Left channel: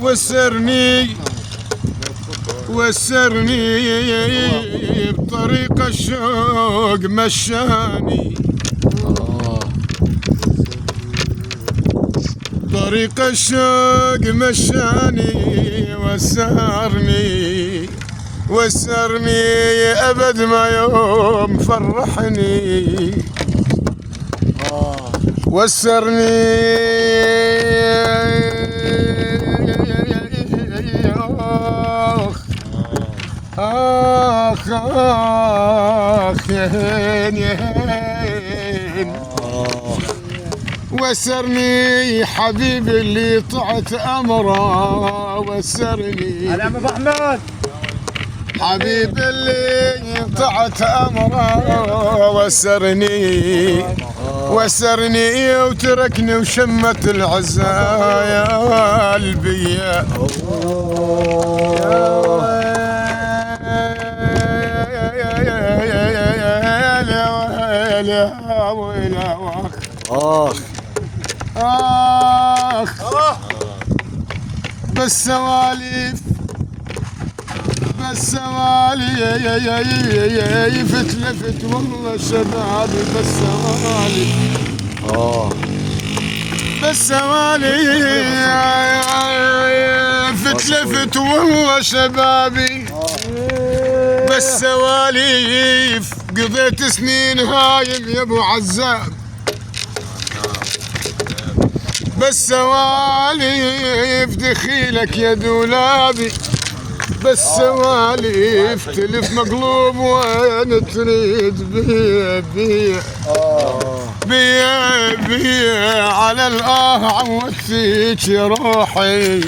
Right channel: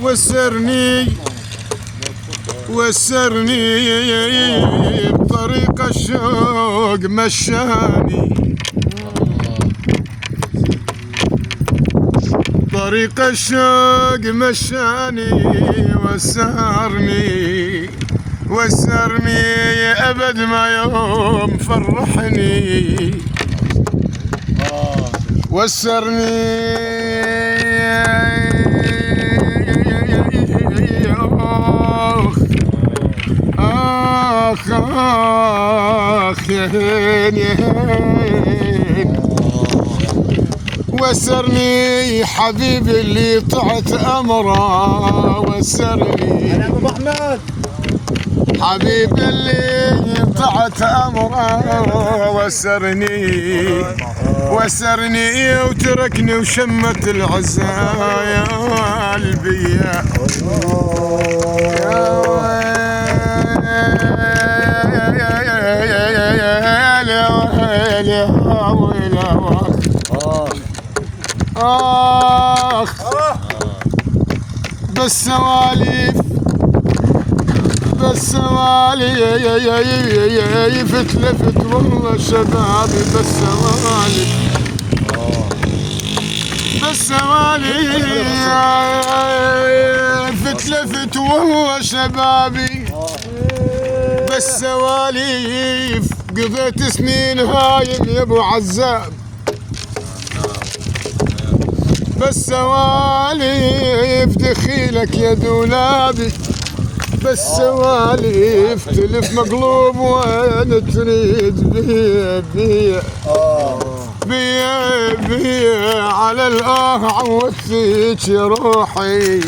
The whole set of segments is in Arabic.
وسرني بطريق الشوق مشاني، طريق الشوق مشاني وسرني أبد ما يوم فرحني، وسرني آخ يا هين وسرني حبيبي اللي طعت أمره، وسرني أنا أبو محمد حبيبي اللي طعت أمره، وسرني وتركني وشمت العزايا بيا، آخ بالسواليف لفت والله شبابي لفت والله شبابي بالسواليف قضيت سنين هايم يا ابو عزام، بالسواليف دخيلك يا دولابي، بالسواليف تلف مقلوب وين تريد بيا على الآه عوض فيك روحي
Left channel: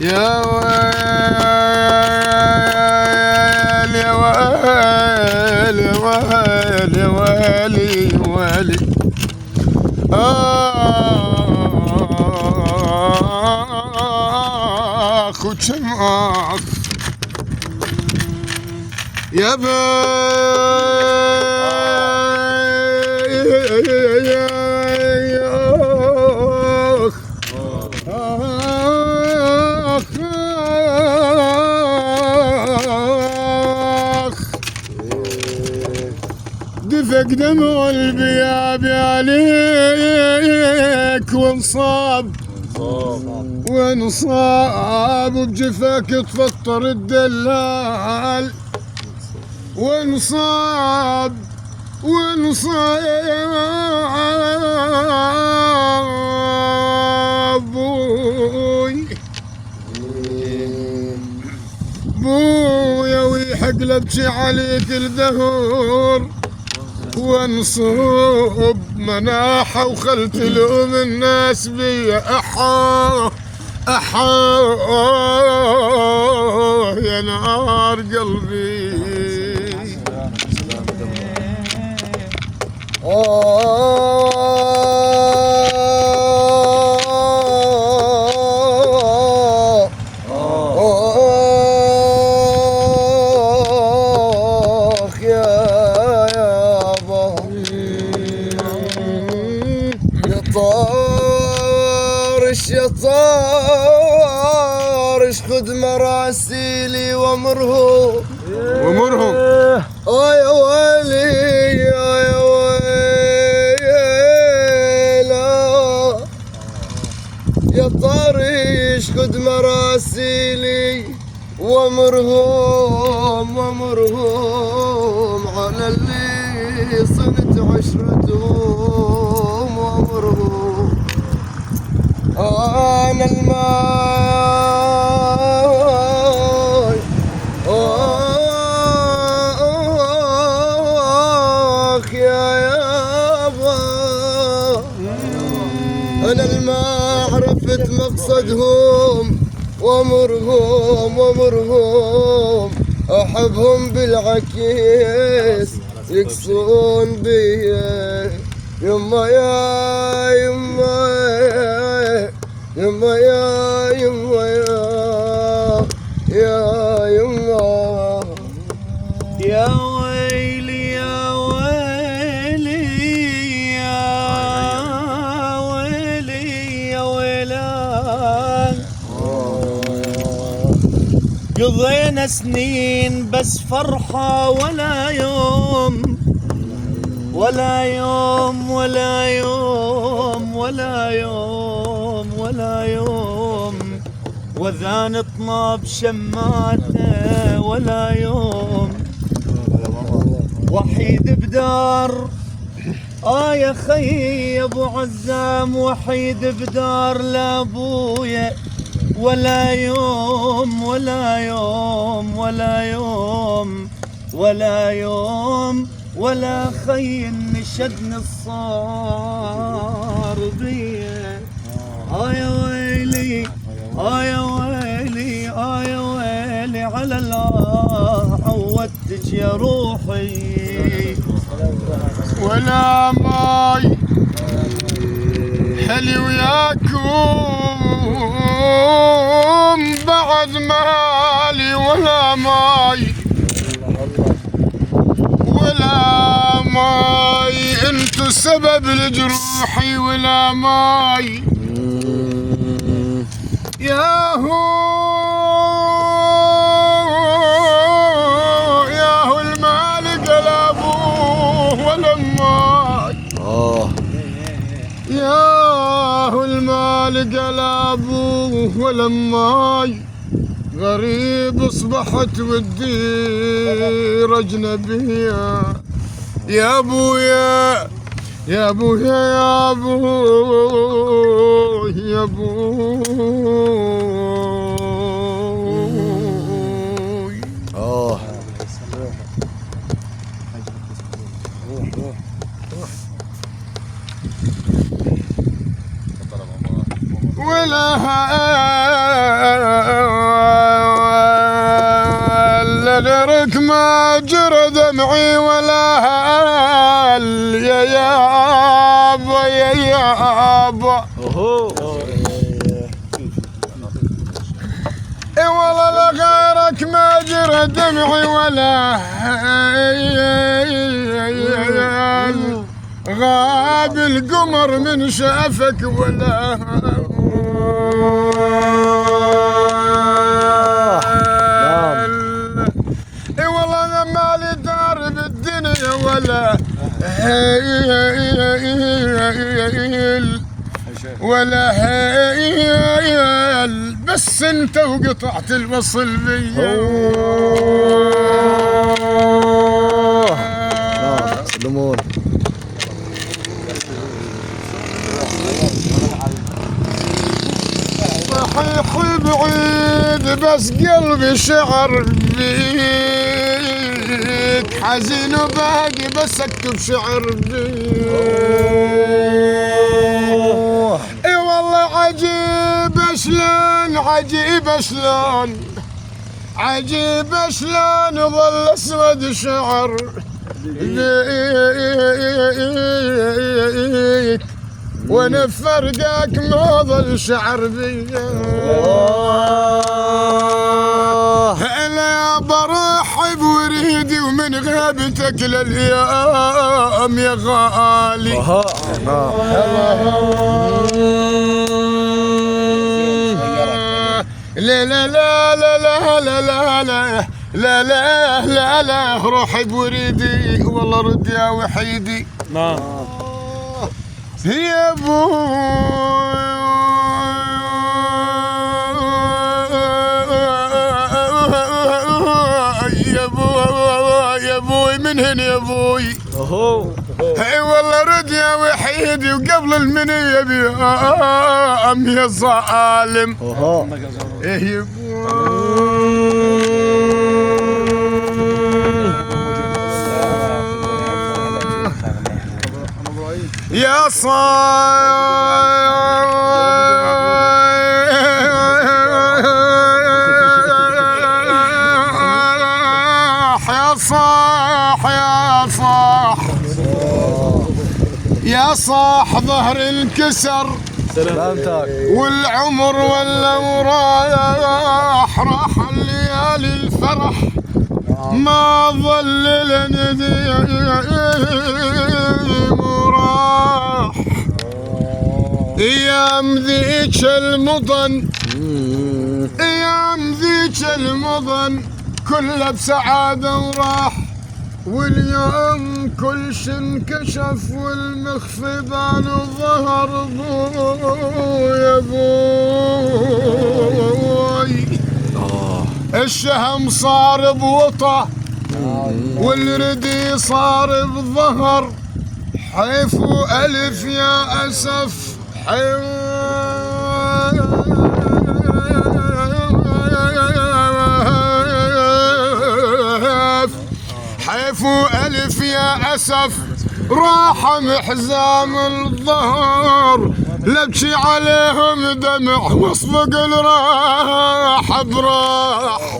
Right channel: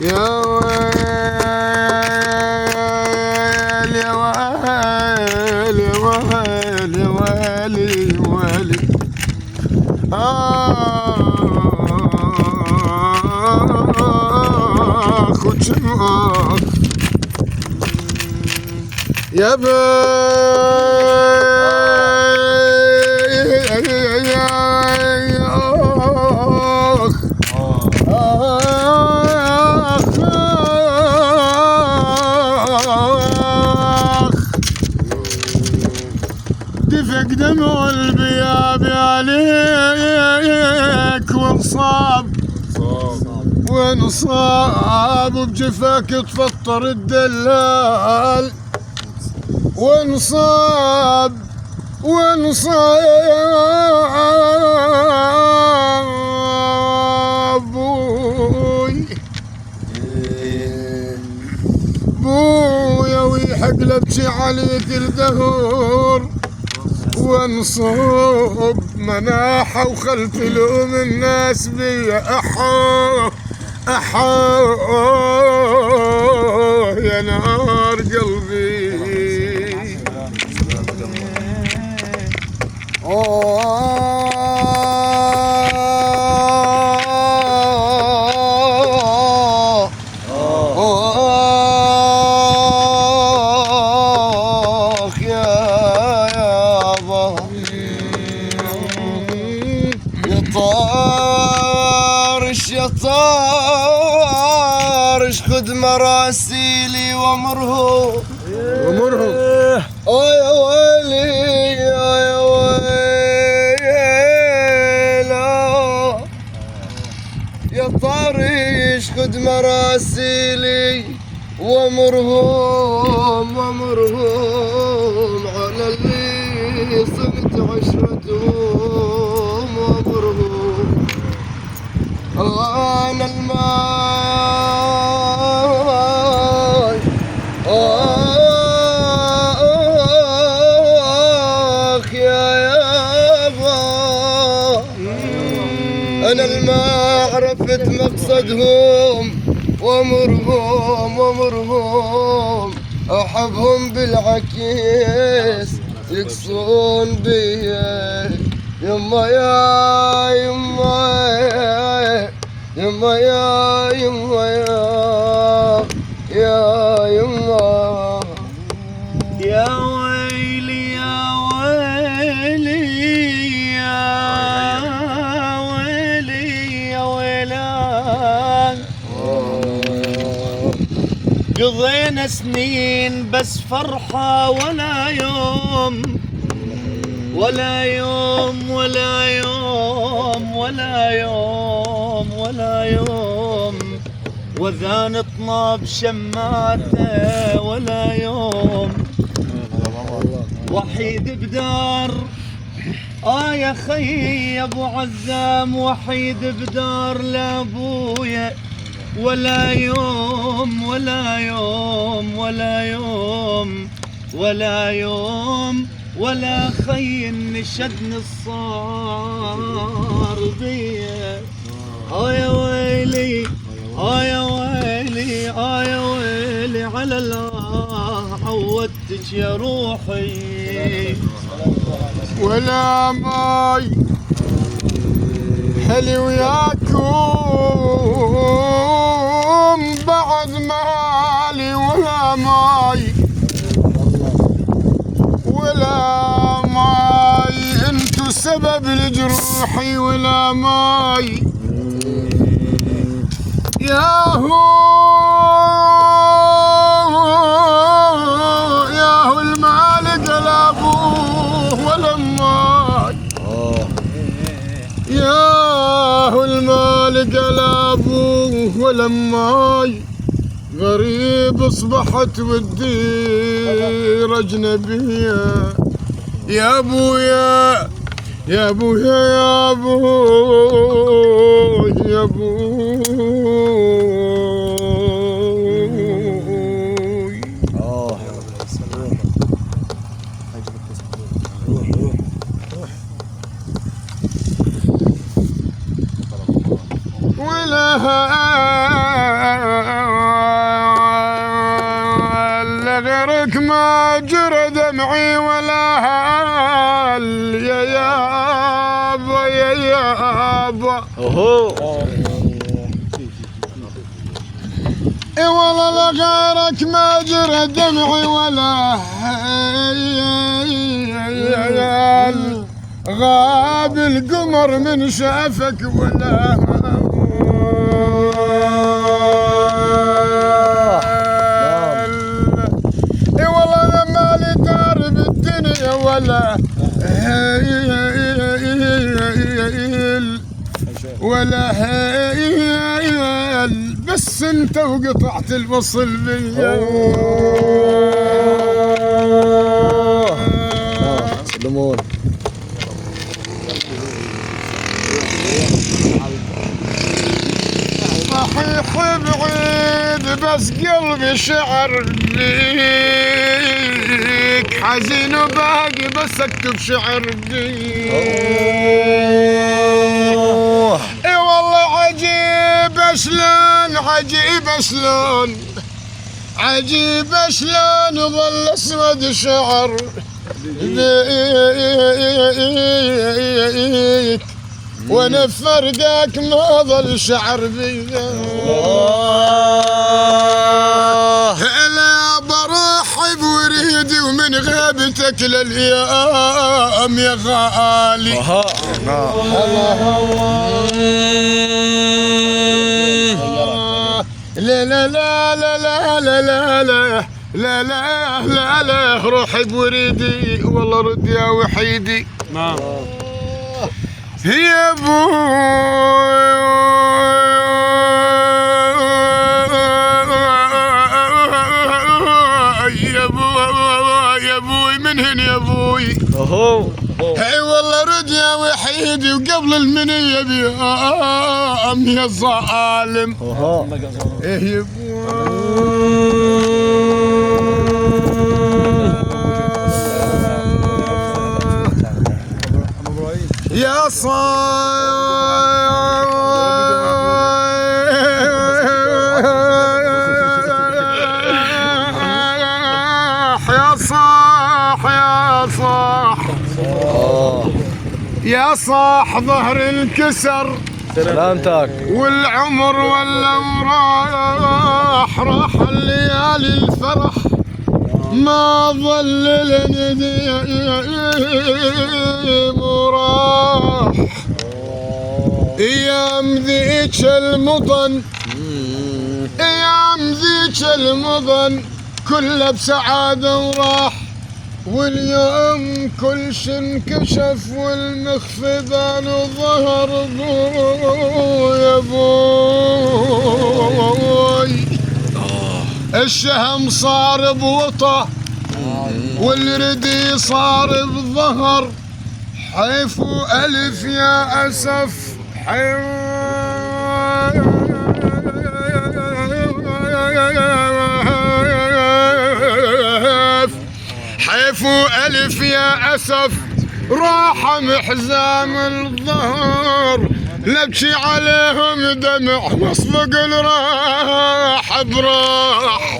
يا ويل يا ويل يا ويل يا ويلي ويلي آخ وجمعك يا دفق دمع البياب عليك وانصاب بجفاك تفطر الدلال، وانصاب بويا ويحق لبكي عليك الدهور، وانصب مناحة وخلت لوم الناس بيا أحا يا نار قلبي يا طارش خذ مراسيلي وامرهم يا ويلي يا ويلا يا طارش خذ مراسيلي وامرهم على اللي صنت عشرتهم وامرهم أنا الماي آخ يا يابا أنا الماء عرفت مقصدهم وامرهم أحبهم بالعكيس يكسون بيا يما يما يا ويلي يا ويلي يا ويلي يا ويلان قضينا سنين بس فرحة ولا يوم ولا يوم ولا يوم ولا يوم ولا يوم وذان طناب شماته ولا يوم وحيد بدار يا خي يا ابو عزام وحيد بدار لابويا ولا يوم ولا يوم ولا يوم ولا يوم ولا خي نشدني الصار بيه يا ويلي يا ويلي يا ويلي على الله عودتك يا روحي ولا ماي حلي وياكم بعد مالي ولا ماي ولا ماي انتو سبب لجروحي ولا ماي ياهو المال قلبوه ولا ماي ياهو المال قلبوه ولا ماي غريب اصبحت والدير اجنبيه يا ابويا يا ابويا يا ابوي يا ابوي ولا غيرك ما جرى دمعي ولا هال يا يابا يا يابا اي والله لا غيرك ما جرى دمعي ولا هال غاب القمر من شافك ولا اي والله انا مالي دار بالدنيا ولا هيل ولا هيل بس انت وقطعت الوصل بيا سلمون صحيح بعيد بس قلبي شعر بيك حزين وباقي بس اكتب شعر بيك اي والله عجيب شلون عجيب شلون عجيب شلون ظل اسود شعر بيك وانا فرقك ما ظل شعر بيا هلا برحب وريدي ومن غيبتك للايام يا غالي لا لا لا لا لا لا لا لا لا لا لا روحي بوريدي والله رد يا وحيدي نعم يا ابوي من هنا يا ابوي اي والله رد يا وحيدي وقبل المنيه بيام يا ظالم ايه يا يا صاح ظهر الكسر سلامتك والعمر ولا وراح راح الليالي الفرح ما ظل لنديم وراح ايام ذيك المطن ايام ذيك المضن كله بسعادة وراح، واليوم كل شي انكشف والمخفي بان وظهر. يا ابوي الشهم صار بوطه والردي صار بظهر، حيف ألف يا أسف حيف ألف يا أسف راح محزام الظهر، لبكي عليهم دمع واصفق الراح براح.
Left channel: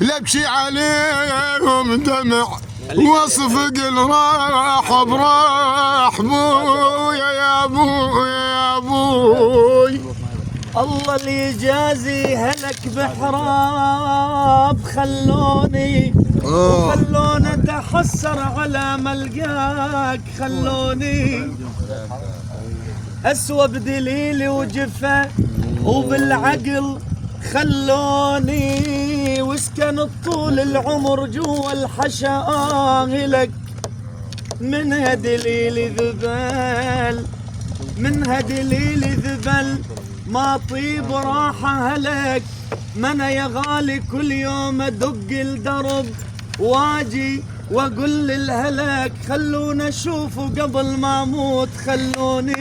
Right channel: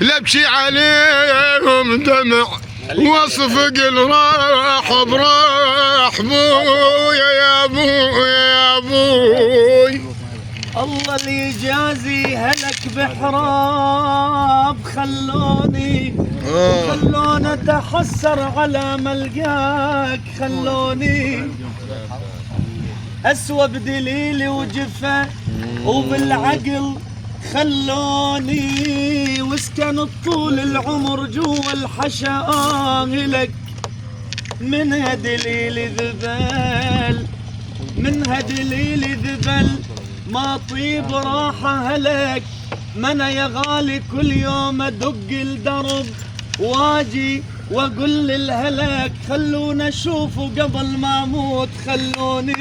لبكي عليهم دمع واصفق الراح براح. بويا يا بويا يا بوي الله اللي يجازي هلك بحراب، خلوني اتحسر على ملقاك، خلوني اسوى بدليلي وجفه وبالعقل، خلوني واسكن طول العمر جوا الحشا لك، منها دليلي ذبل، منها دليلي ذبل، ما طيب راحة هلك، ما انا يا غالي كل يوم ادق الدرب واجي واقول للهلك، خلونا اشوفه قبل ما اموت، خلونا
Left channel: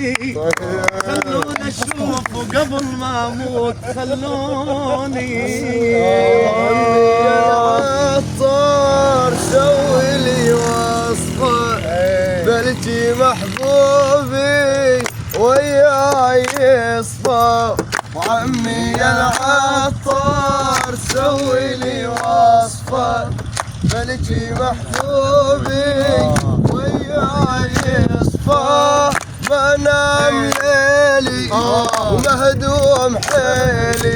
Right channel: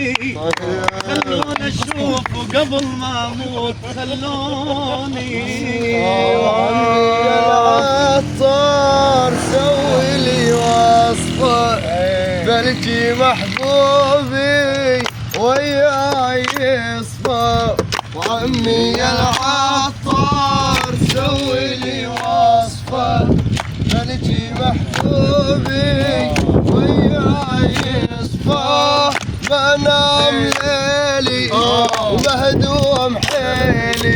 اشوفه قبل ما اموت، خلوني. عطار سوي لي وصفة بلجي محبوبي وياي يصفى، وعمي العطار سوي لي وصفة بلجي محبوبي وياي يصفى، ما نام ليلي ومهدوم حيلي،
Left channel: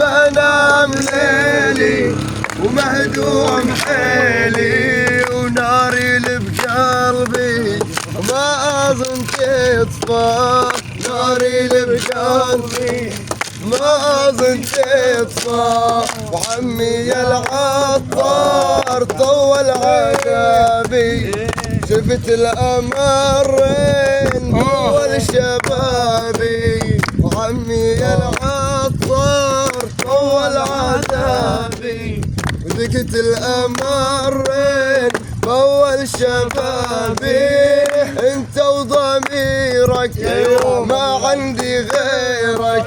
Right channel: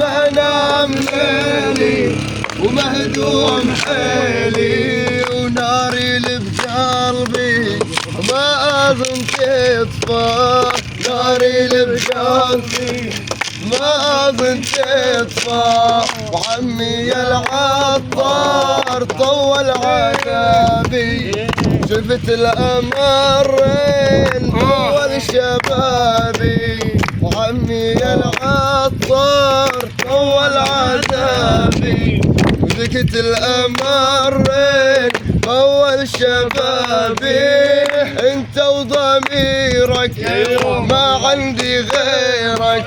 ما نام ليلي ومهدوم حيلي، وناري اللي بقلبي ما اظن تطفى، ناري اللي بقلبي ما اظن تطفى، وعمي العطار طول عذابي، شفت الامرين طول شبابي، وعمي العطار طول عذابي، بكت الامرين طول شبابي، انت وضميرك ما عندي غيرك،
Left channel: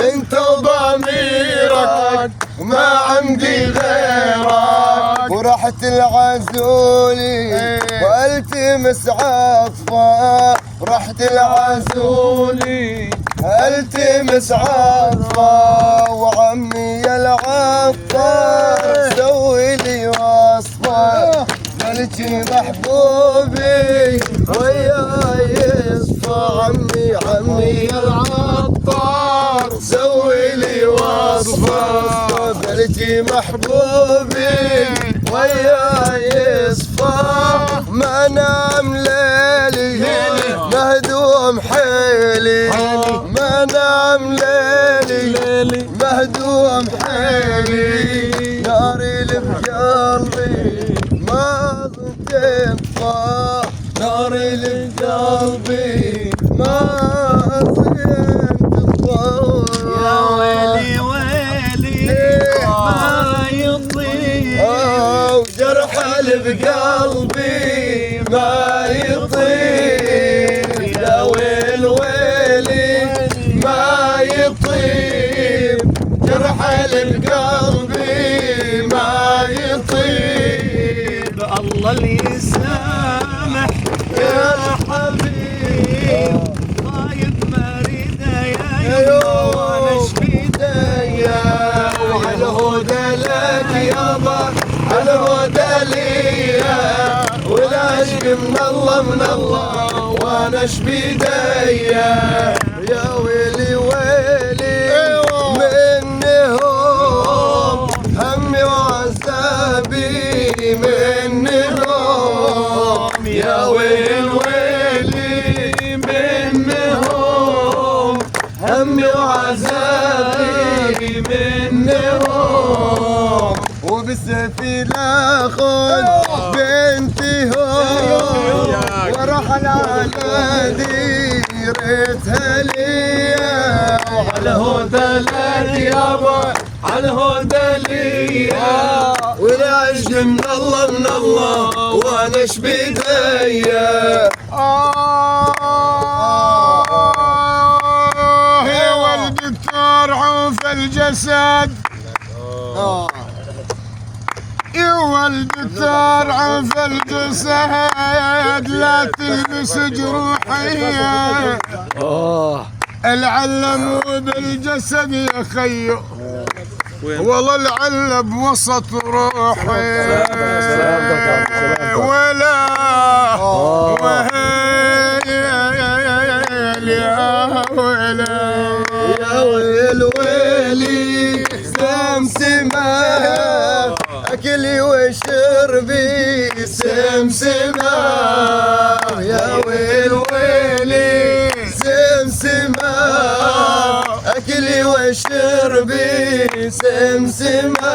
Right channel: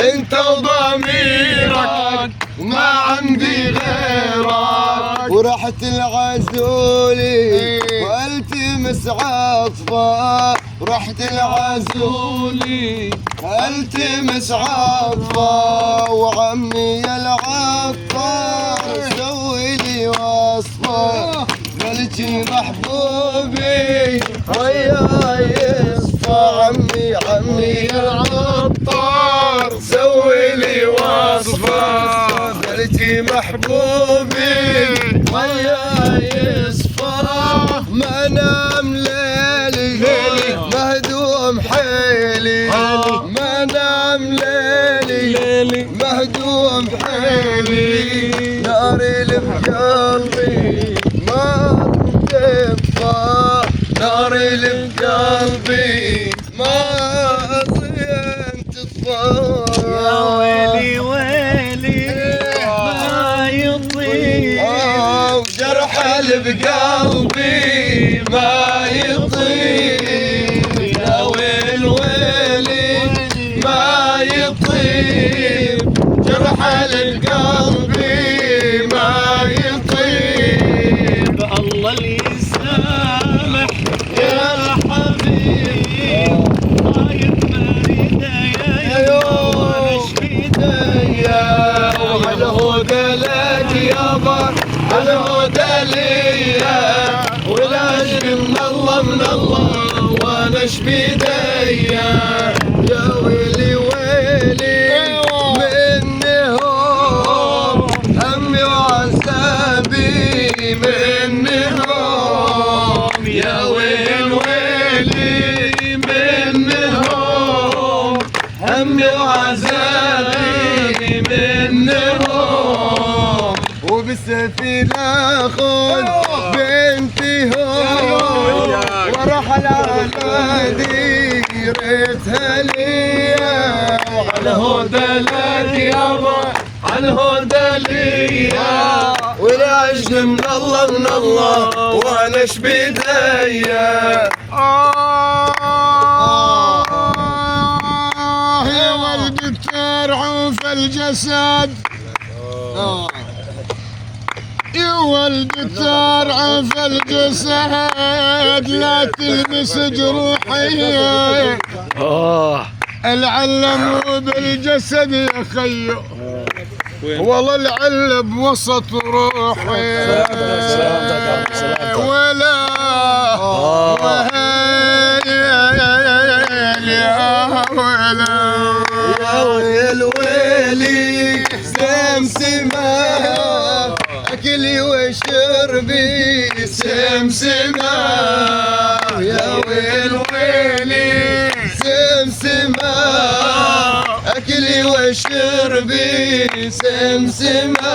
انت وضميرك ما عندي غيرك، ورحت العزولي والتمس عطفة، رحت العزولي التمس عطفة، وعمي العطار سوي لي وصفة بلجي محبوبي وياي يصفى، عمي العطار سوي لي وصفة بلجي محبوبي وياي يصفى، ما نام ليلي مهدوم حيلي، ما نام ليلي مهدوم حيلي، ناري اللي بقلبي ما تطفى، ناري اللي بقلبي ما أظن تطفى، يا ويلي ويلي ما يطيب، جرح اللي بقلبي ما يطيب، يا ويل ويلي ما يطيب، جرح اللي بقلبي ما يطيب، الله اللي يسامح يا حبيب، طايب مريدة يا يما وانا شفيدة، وهالهدى لك يابا الهدى ليا، والعشق من الله وانا شبيديا، يا ويلي ويلي منهم همي وعذابي، منهم يا ويل ويلي منهم همي وعذابي، بالنهار وبالسفينة خذ بنتي هون ورحل على ديرتها ليا وعلى هدى لك يابا على هدى ليا والعجل من الله وانا ايش بيديا يا والدكتور عوف الجسد يا والدكتور عوف الجسد لا تلبس جروحي العلم بالجسد يا خيو والله العلب وسط روحي ولا وهيل يا ويلا يا ويل ويلي سمسمة أكلي وشربي سمسمة يا ويل ويلي سمسمة أكلي وشربي سمسمة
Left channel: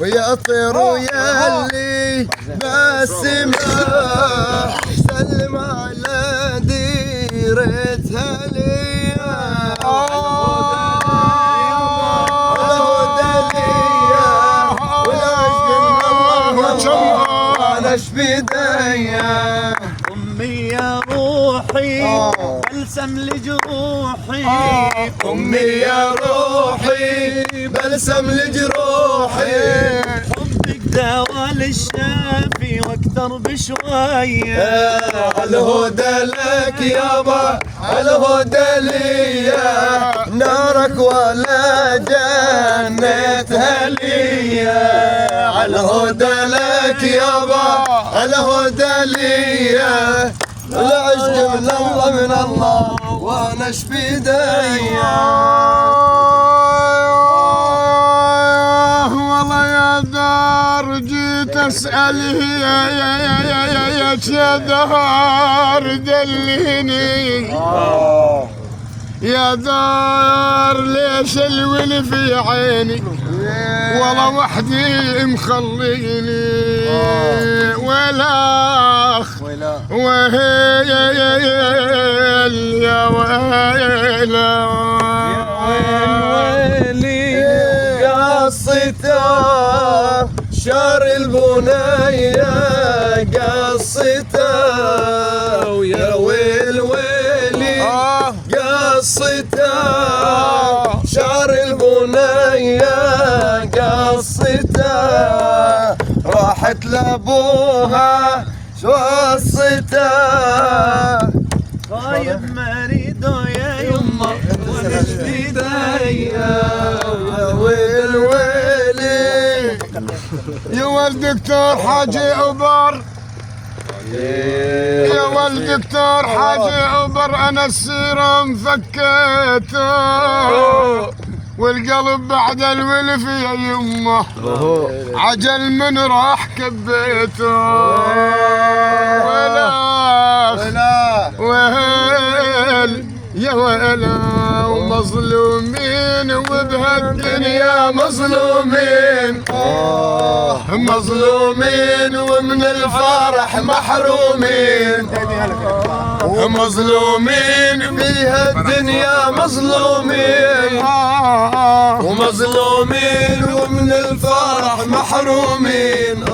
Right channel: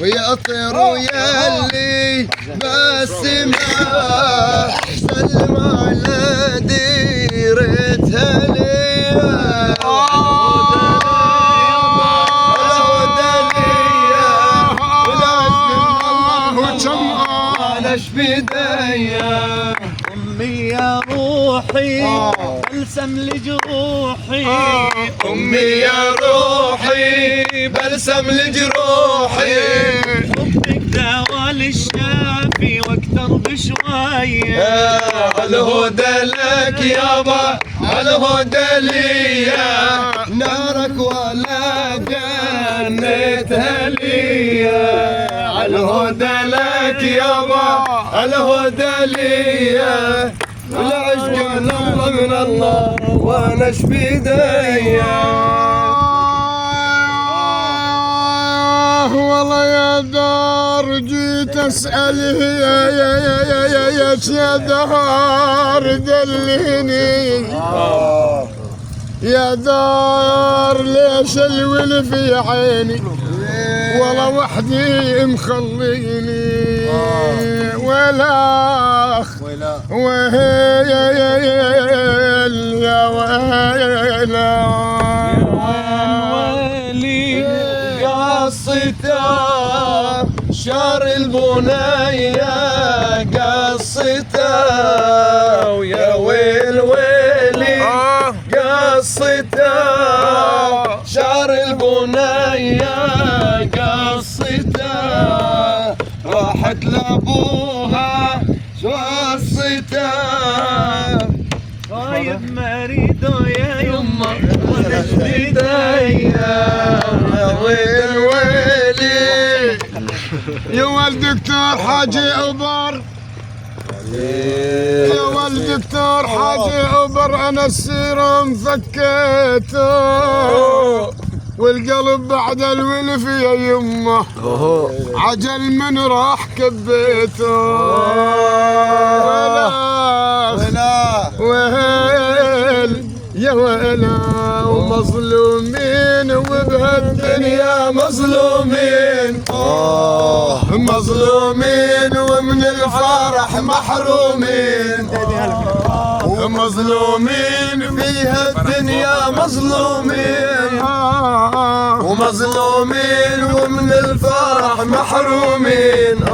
ويا طير ياللي بالسما سلم على ديرتها ليا على شبيديا أمي يا روحي بلسم لجروحي أمي يا روحي بلسم لجروحي حبك دواء للشافي واكثر بشوية الهدى لك يابا الهدى ليا نارك ولا جنتها ليا الهدى لك يابا الهدى ليا العشق من الله وانا ايش بيديا والله يا دار جيت اسال يا دار دليني يا دار ليش الول في عيني والله وحدي مخليني ولا وهيل يا ويلا ويلي قصته شار البنية قصته ويا ويل ويلي قصته شار البنية قصته راحت لابوها شو قصته طيب مريدو يا يما ولش بيديا يا ويل ويلي يا والدكتور حاجي عبر يا والدكتور حاجي عبر انا السيرم فكيته والقلب بعد الولف يا يمه عجل من راح كبيته ولا ويل يا ويلا ومظلومين وبهالدنيا مظلومين مظلومين ومن الفرح محرومين ومظلومين فيها الدنيا مظلومين ومظلومين ومن الفرح محرومين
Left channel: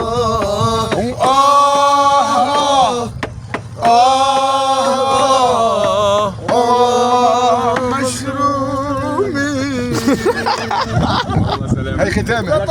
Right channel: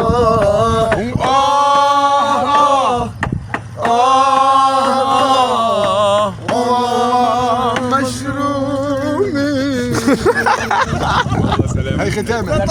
مشرومين هاي ختامه